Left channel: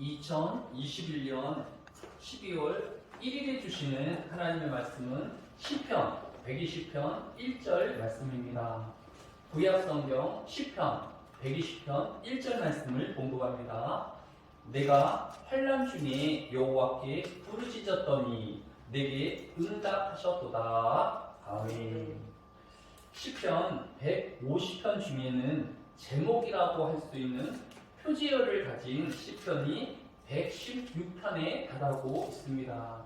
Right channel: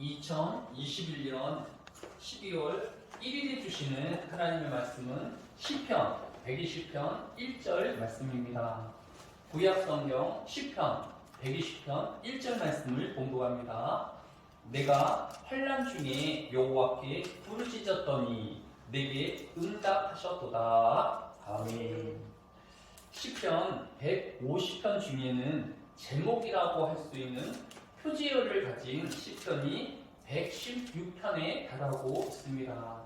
2021년 12월 1일에 주시는 하나님의 말씀은 시편 120편 1절 말씀입니다. 구약성경 시편 120편 1절 말씀을 공부합니다. 내가 환난 중에 여호와께 부르짖었더니 내게 응답하셨도다. 아멘. 시편 150편 중에는 제목이라고 할 수 있는 표지어를 가진 시편이 116편에 달하고 있습니다.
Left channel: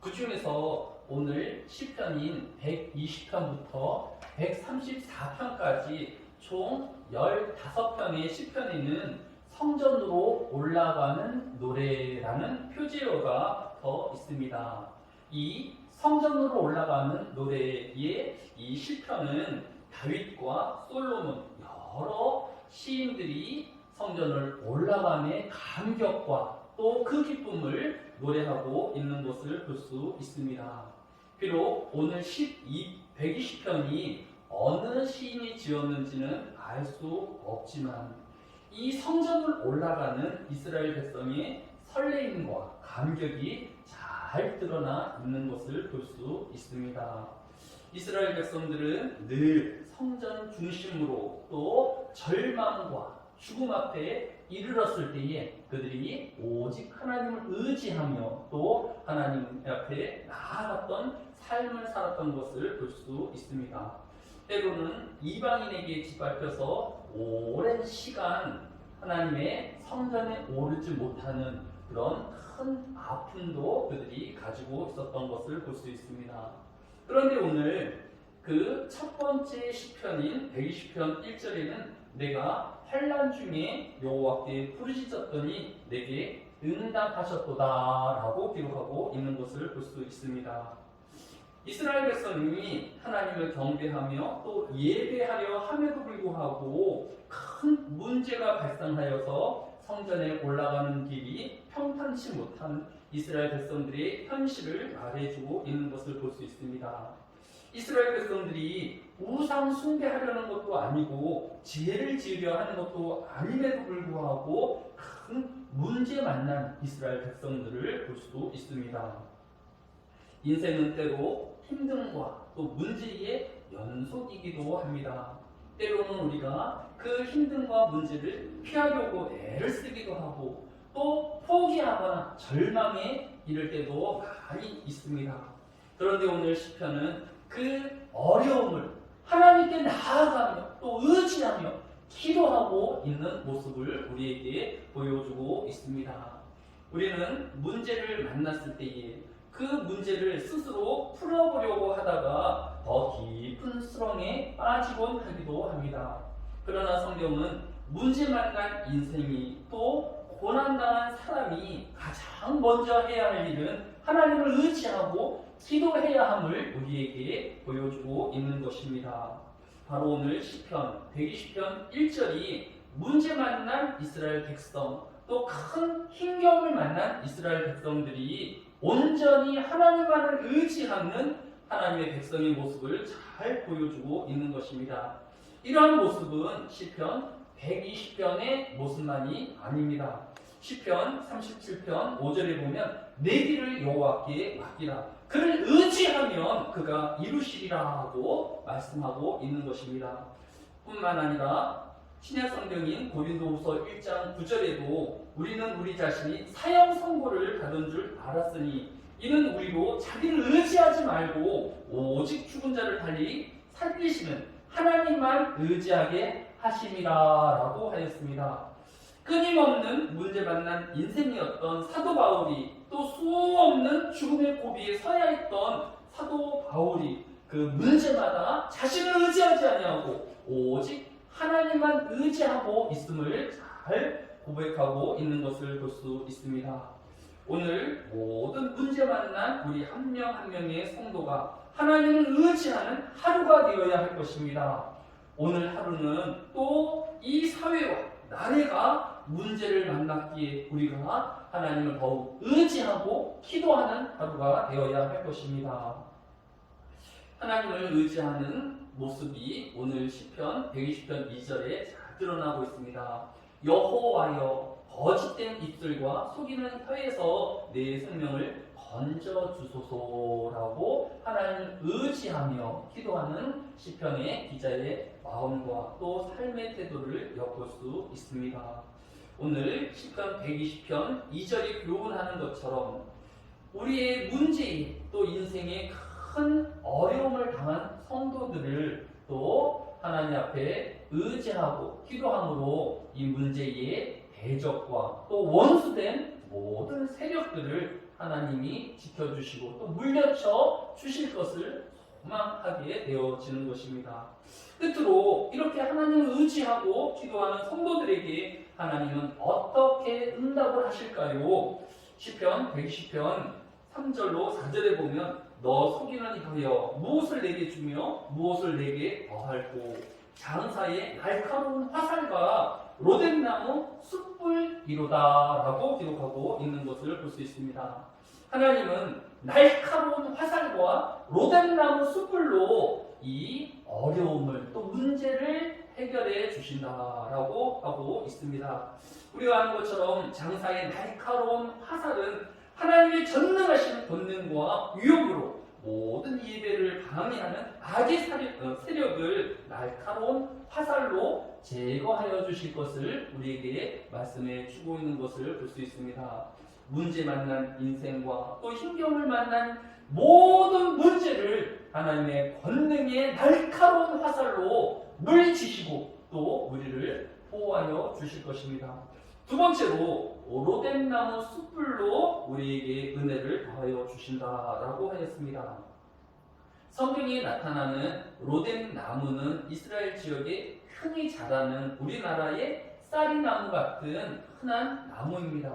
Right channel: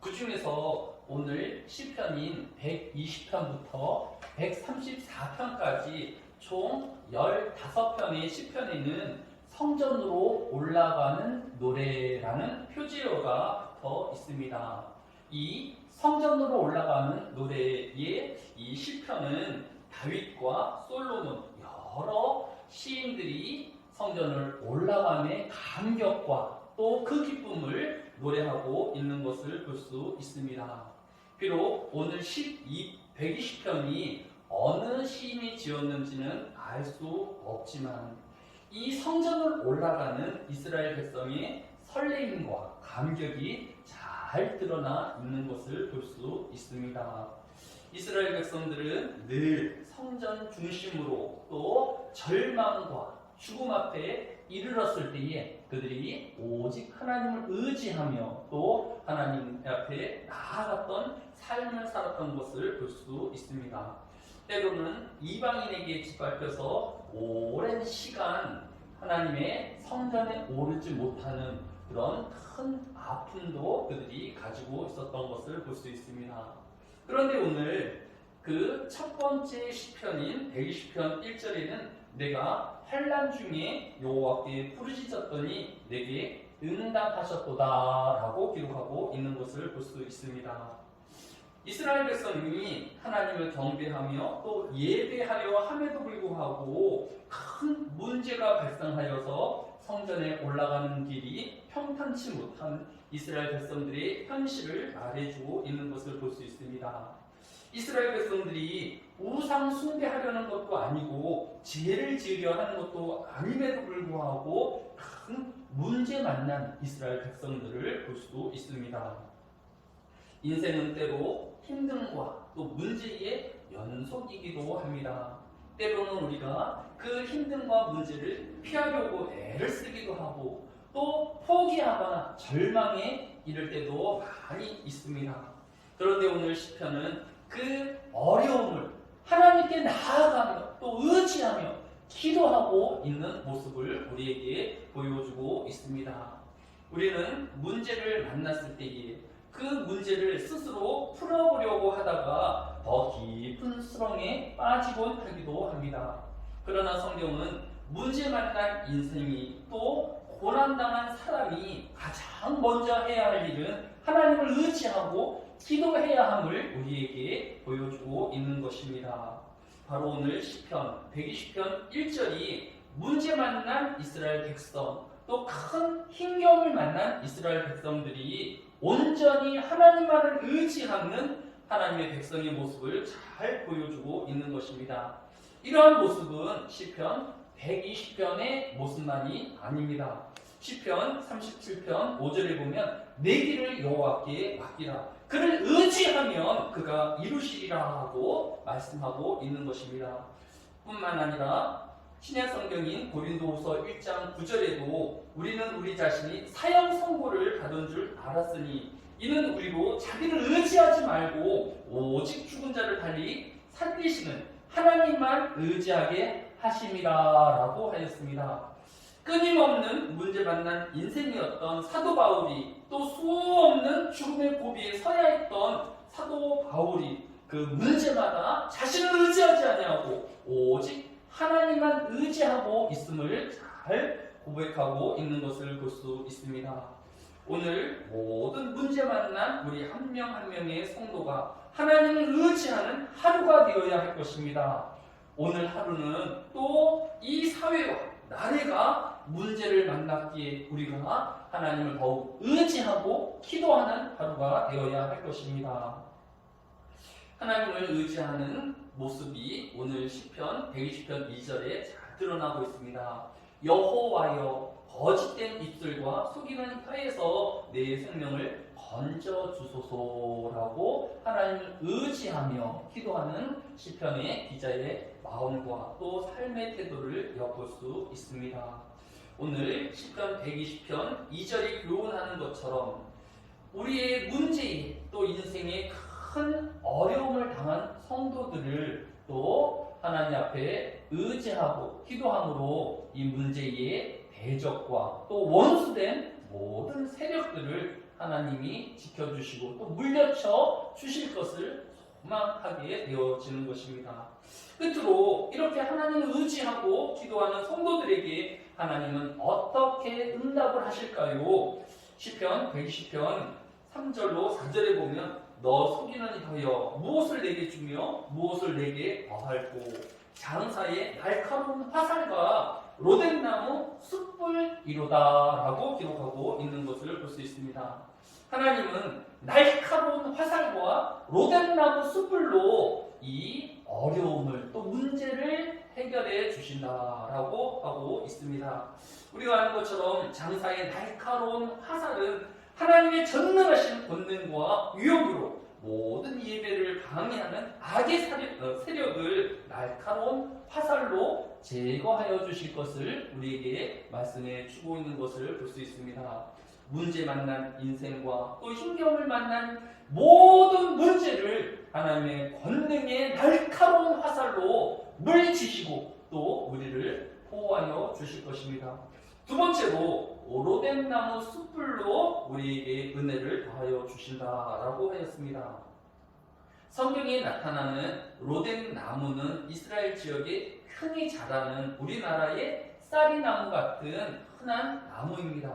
그 중에서 오늘 시편인 120편부터 134편까지 총 15편의 시편에는 성전으로 올라가는 노래라는 표지어가 더 있습니다. 이 성전으로 올라가는 노래의 이 시편은 다윗과 솔로몬 여러 시인들이 성전을 올라감의 감격과 또 그 기쁨을 노래하고 있는 것을 볼 수 있습니다. 비록 오늘 120편이 어느 시인이 지었는지는 알 수 없지만 이 성전을 올라가는 이스라엘 백성의 설레임과 감격이 잘 드러나 있는 것을 볼 수 있습니다. 이스라엘 백성들은 늘 성전 중심으로 또 절망과 죽음 앞에 이르렀을 때에 그들이 오직 하나님을 의지하며 또 하나님 앞에 나아갔던 삶을 살았던 것을 볼 수 있습니다. 때로는 이방인에게 짓밟혀서 오랜 시간 하나님의 성전에 오르지 못하는 그런 큰 아픔도 그들이 가지고 있었던 것을 볼 수 있습니다. 그런데 오늘 그 첫 번째 시편인 120편 1절에는 내가 환난 중에 여호와께 부르짖었더니 내게 응답하셨도다 라고 기록하고 있는 것을 볼 수 있습니다. 이스라엘 백성이 하나님을 경배하며 또 예배하려 함에도 불구하고 큰 문제가 발생하여서 성전에 올라가는 길이 평탄치 못한 이스라엘 백성들의 현실을 말해주고 있는 것을 볼 수 있습니다. 이스라엘 백성들이 우상 숭배하려는 것도 아니고 죄를 지으려 하는 것도 아님에도 불구하고 큰 문제 만난 이스라엘 백성들을 볼 수 있습니다. 인생은 때로 힘듦과 또 문제의 연속이기도 합니다. 때로는 우리가 그 힘듦과 문제를 피하려고 애를 쓰기도 하고 또 포기하거나 절망에 이를 때도 많이 있습니다. 그런데 오늘 시편은 그 어려움을 하나님께 나아가며 또 의지하며 기도하고 있는 모습을 우리에게 보여주고 있습니다. 우리는 문제를 만났을 때에 그 문제를 스스로 풀어보려고 하다가 더 깊은 수렁에 빠지곤 하기도 합니다. 그러나 성경은 문제 만난 인생이 또 고난당한 사람이 가장 먼저 해야 할 일은 하나님을 의지하고 기도해야 함을 우리에게 보여주고 있는 것입니다. 바로 오늘 시편 120편 1절이 문제 만난 이스라엘 백성 또 큰 힘겨움을 만난 이스라엘 백성들이 온전히 하나님만을 의지하는 하나님의 백성의 모습을 잘 보여주고 있는 것입니다. 이러한 모습은 시편 120편의 모습만이 아닙니다. 시편 37편 5절에 보면 내 길을 여호와께 맡기라 그를 의지하면 그가 이루시리라고 말씀하고 있는 것입니다. 뿐만 아니라 신약 성경인 고린도후서 1장 9절에도 우리는 우리 자신이 사형 선고를 받은 줄 알았으니 이는 우리로 자기를 의지하지 말고 오직 죽은 자를 달리 살리시는 하나님만 의지하게 하심이라라고 하였습니다. 끊임없는 문제 만난 인생이었던 사도 바울이 또 수없는 죽음의 고비에 서야 했던 사도 바울이 그 문제마다 자신을 의지하지 아니하고 오직 하나님만 의지하고 있음을 잘 고백하고 있는 것을 볼 수 있습니다. 오늘 모든 문제 만난 우리 한 명 한 명의 성도가 하나님을 의지하는 하루가 되어야 할 것입니다. 오늘 하루는 또 이 사회와 나라가 문제를 만났기에 우리가 하나님을 더욱 의지하고 기도하는 하루가 되어야 할 것입니다. 하나님을 의지하는 모습이 오늘 시편 120편 2절에 잘 드러나고 있습니다. 여호와여 거짓된 입술과 속이는 혀에서 내 생명을 건져 주소서라고 하나님을 의지하며 기도하는 시편의 기자의 마음과 또 삶의 태도를 엿볼 수 있습니다. 오늘 시편 120편 2절이 교훈하는 것처럼 우리의 문제에 또 인생에 큰 어려움을 당한 성도들을 또 하나님 앞에 의지하고 기도함으로 이 문제의 대적과 또 원수된 모든 세력들을 하나님이 지켜주시고 또 물려쳐 주실 것을 소망하게 되어지는 것입니다. 끝으로 이렇게 하나님을 의지하고 기도하는 성도들에게 하나님은 어떻게 응답을 하실까요? 시편 120편 3절로 4절에 보면 너 속이는 혀여 무엇을 내게 주며 무엇을 내게 더할고 장사의 날카로운 화살과 로덴나무 숯불이로다 라고 기록하고 있는 것을 볼 수 있습니다. 하나님은 날카로운 화살과 로덴나무 숯불로 이 어려움을 또 문제를 해결해 주신다라고 하고 있습니다. 우리가 아는 것처럼 장사의 날카로운 화살은 하나님의 전능하신 권능과 위엄으로 모든 예배를 방해하는 악의 세력을 날카로운 화살로 제거하여 주실 것을 우리에게 말씀해 주고 있는 것을 볼 수 있습니다. 문제 만난 인생과 또 힘겨움을 만난 모든 문제를 하나님의 권능의 날카로운 화살로 물리치시고 또 우리를 보호하여 주실 것입니다. 두 번째로 오로된 나무 숯불로 우리에게 은혜를 더하여 주신다라고 하였습니다. 성경에 나타나는 로덴 나무는 이스라엘 지역에 흔히 자라는 우리나라의 쌀이나무 같은 흔한 나무입니다.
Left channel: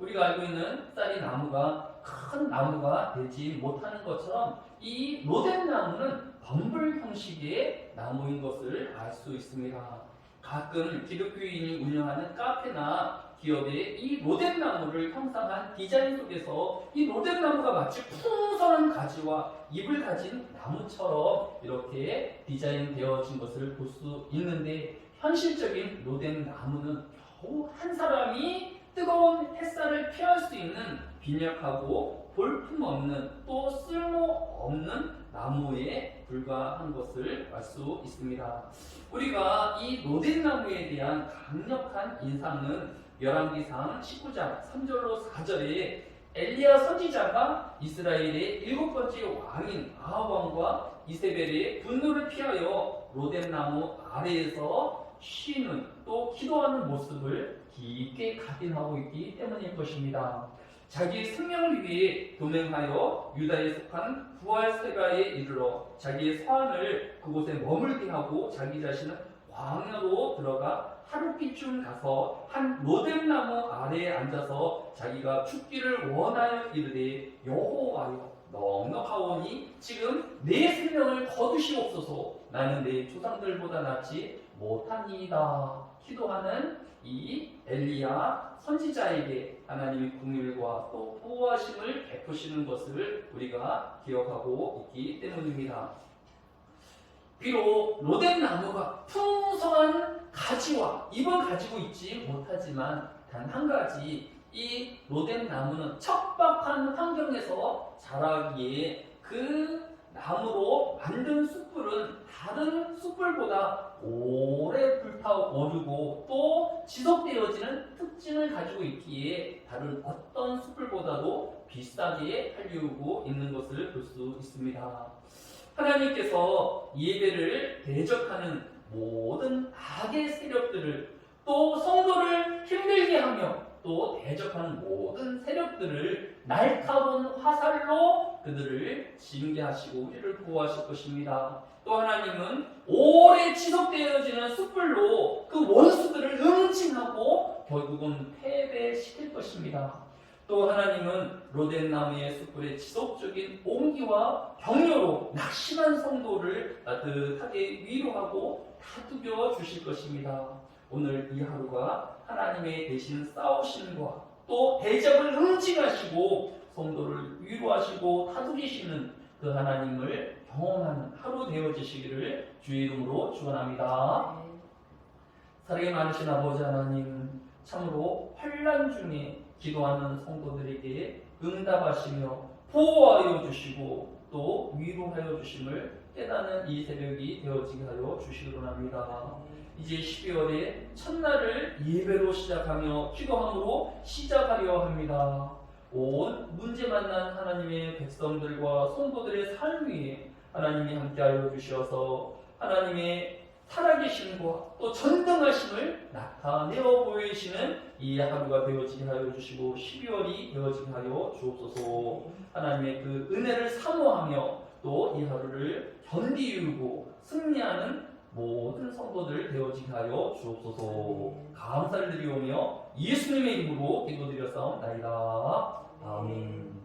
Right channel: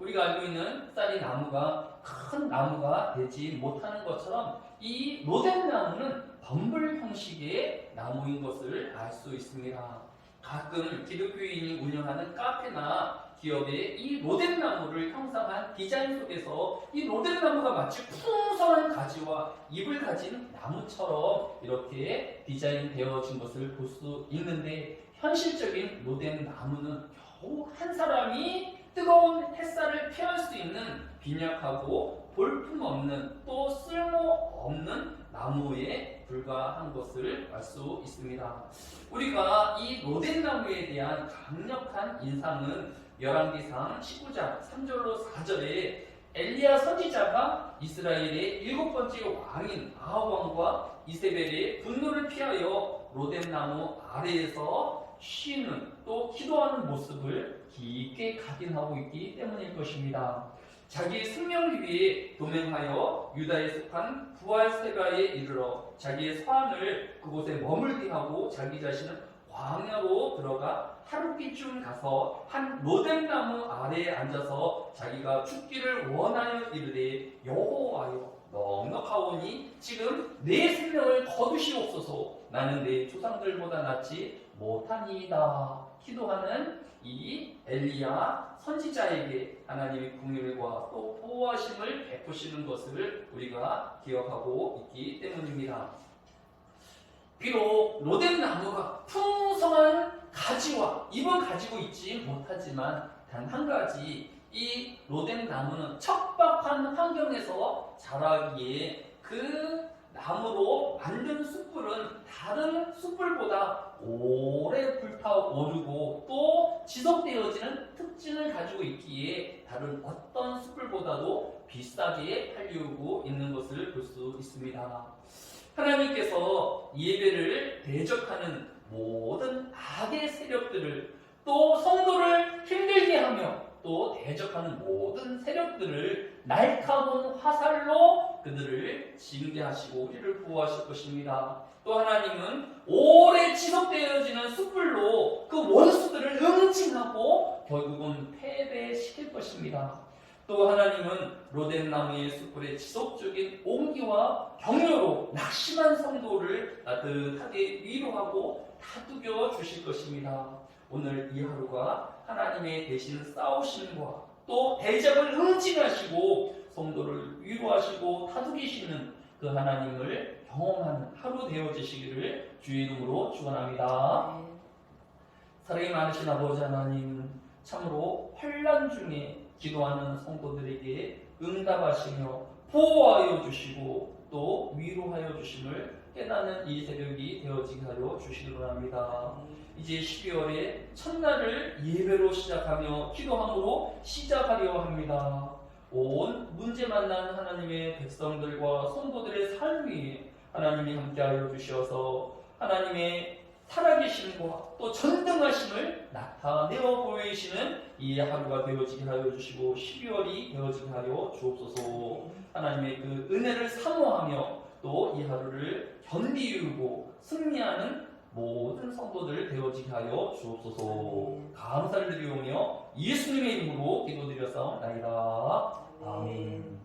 우리가 알고 있는 쌀이나무가 큰 나무가 되지 못하는 것처럼 이 로덴 나무는 범불 형식의 나무인 것을 알 수 있습니다. 가끔 기독교인이 운영하는 카페나 기업에 이 로덴 나무를 형상한 디자인 속에서 이 로덴 나무가 마치 풍성한 가지와 잎을 가진 나무처럼 이렇게 디자인되어진 것을 볼 수 있는데 현실적인 로덴 나무는 겨우 한 사람이 뜨거운 햇살을 피할 수 있는 빈약하고 볼품없는 또 쓸모없는 나무에 불과한 것을 알 수 있습니다. 우리가 이 로덴 나무에 대한 강력한 인상은 열왕기상 19장 3절로 4절에 엘리야 선지자가 이스라엘의 7번째 왕인 아합 왕과 이세벨의 분노를 피하여 로덴 나무 아래에서 쉬는 또 기도하는 모습을 깊게 각인하고 있기 때문일 것입니다. 자기 생명을 위해 도맹하여 유다에 속한 부활세가에 이르러 자기의 서한을 그곳에 머물게 하고 자기 자신은 광야로 들어가 하룻빛쯤 가서 한 로뎀나무 아래에 앉아서 자기가 죽기를 원하여 이르되 여호와여 넉넉하오니 지금 내 생명을 거두시옵소서 나는 내 조상들보다 낫지 못하니이다. 기도하는 이 엘리야 선지자에게 하나님의 긍휼과 또 보호하심을 베푸시는 것을 우리가 기억하고 있기 때문입니다. 비록 로덴 나무가 풍성한 가지와 잎은 가지고 있지 못하지만 단 한 가지 이 로덴 나무는 척박한 환경에서 자라기에 그 나무로 만든 숯불은 다른 숯불보다 오래 불타오르고 또 지속되어지는 특징을 가지고 있기에 다른 어떤 숯불보다도 비싸게 팔리우고 있는 것을 볼 수 있습니다. 하나님께서 예배를 대적하는 모든 악의 세력들을 또 성도를 힘들게 하며 또 대적하는 모든 세력들을 날카로운 화살로 그들을 징계하시고 우리를 보호하실 것입니다. 또 하나님은 오래 지속되어지는 숯불로 그 원수들을 응징하고 결국은 패배시킬 것입니다. 또 하나님은 로덴 나무의 숯불의 지속적인 온기와 격려로 낙심한 성도를 따뜻하게 위로하고 다독여 주실 것입니다. 오늘 이 하루가 하나님의 대신 싸우심과 또 대적을 응징하시고 성도를 위로하시고 다독이시는 그 하나님을 경험하는 하루 되어지시기를 주의 이름으로 축원합니다. 사랑이 많으신 아버지 하나님, 참으로 환난 중에 기도하는 성도들에게 응답하시며 보호하여 주시고 또 위로하여 주심을 깨닫는 이 새벽이 되어지게 하여 주시기 바랍니다. 이제 12월의 첫날을 예배로 시작하며 기도함으로 시작하려 합니다. 온 문제 만난 하나님의 백성들과 성도들의 삶 위에 하나님이 함께하여 주셔서 하나님의 살아계심과 또 전등하심을 나타내어 보이시는 이 하루가 되어지게 하여 주시고 12월이 되어지게 하여 주옵소서. 하나님의 그 은혜를 사모하며 또 이 하루를 견디고 승리하는 모든 성도들 되어지게 하여 주옵소서. 감사를 드리오며 예수님의 이름으로 기도드렸사옵나이다. 아멘.